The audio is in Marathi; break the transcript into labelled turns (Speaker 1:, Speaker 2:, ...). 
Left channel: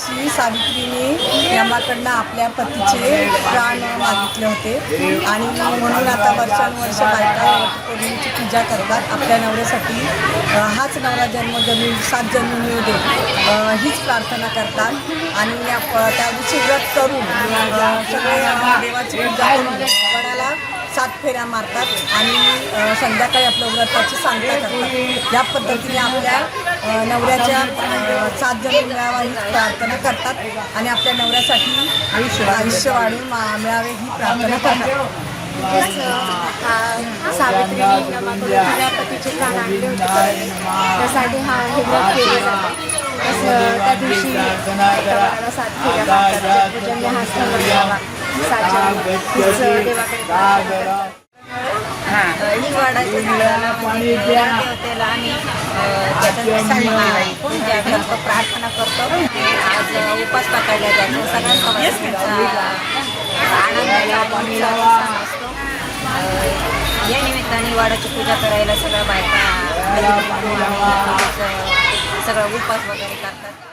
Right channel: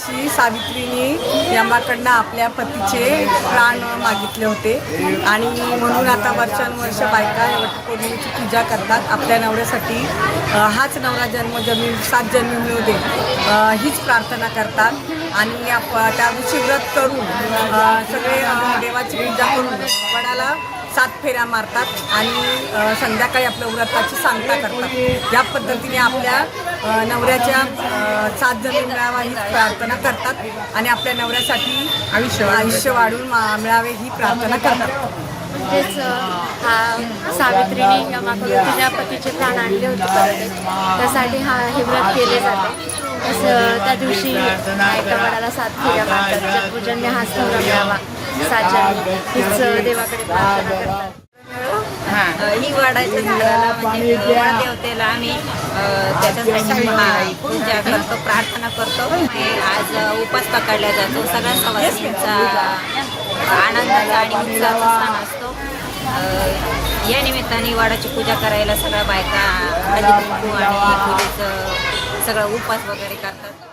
Speaker 1: दिवशी सावित्रीने यमाकडनं आपल्या पतीचे प्राण मागितले होते. आणि म्हणून आता वर्षानुवर्ष बायका वटपौर्णिमेची पूजा करतात. आपल्या नवऱ्यासाठी हाच नवरा जन्म जमीन सात जन्म मिळू दे हीच प्रार्थना करतात. आणि त्या दिवशी व्रत करून सगळे देवाची पूजा करून वडाला सात फेऱ्या मारतात आणि संध्याकाळी आपल्या व्रताची सांगता करतात. या पद्धतीने आपल्या नवऱ्याच्या सात जमीन मिळावा ही प्रार्थना करतात आणि आपल्या नवऱ्यासाठी आयुष्य आयुष्य वाढून मा- मिळावे ही प्रार्थना करतात.
Speaker 2: म्हणजेच हा सावित्रीने नमाकडून तिच्या पतीचे प्राण आणले होते त्यासाठी हा हे व्रत केले जाते. तसं त्या दिवशी वडाला सात फेऱ्या मागतात पूजन हा सण मिळावा सात हीच देवाकडे प्रार्थना करतात.
Speaker 3: ही वाढायचं झाडाला म्हणजे देवतेला आम्ही त्याच्यासाठी पूजा करतो प्रार्थना करतो. आज उपास पकडला जातो. सगळ्या सवासींचा आनंदाचा आणि या निमित्ताने वाडाची पूजा करायला सगळ्या बायका आणि सगळं उपास वगैरे करतात.